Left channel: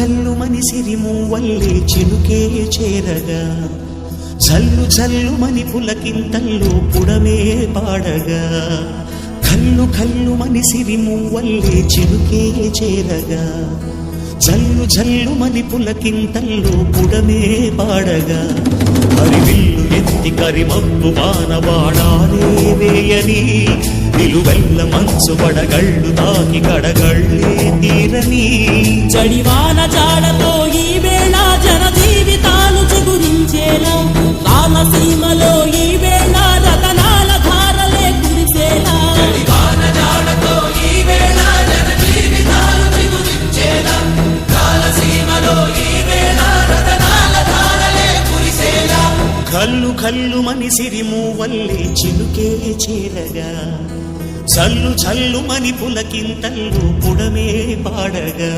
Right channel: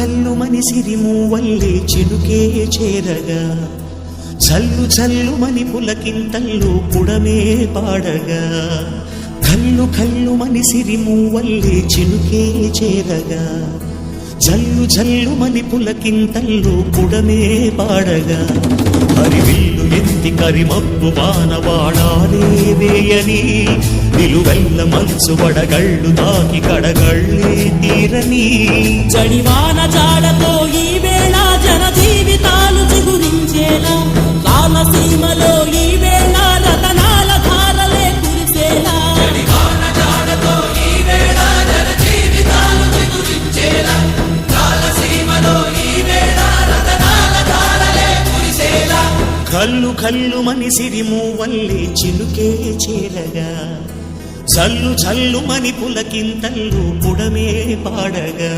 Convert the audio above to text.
కల్లు మని సిరిమూవల్లే చినుకే చేరగా జల్లు జల్లు మని పులకింతల్లో పుడమే పాడగా కల్లు కల్లు మని సిరిమూవల్లే చినుకే చేరగా జల్లు జల్లు మని పులకింతల్లో పుడమే పాడగా హరివిల్లు ఎత్తి కరిమబ్బు వానవాడాలే వేయని నిలువెల్ల మంచు వడగళ్ళు తాకి కడగళ్ళే తీరని జడివాన జాడతో ఈ వేళ జన జీవితాలు చిగురించేలా రాలసీమలో ఈ వేళ రతనాల ధారలే కురిసేలా కల్లు కల్లు మని సిరిమూవల్లే చినుకే చేరగా జల్లు జల్లు మని పులకింతల్లో పుడమే పాడగా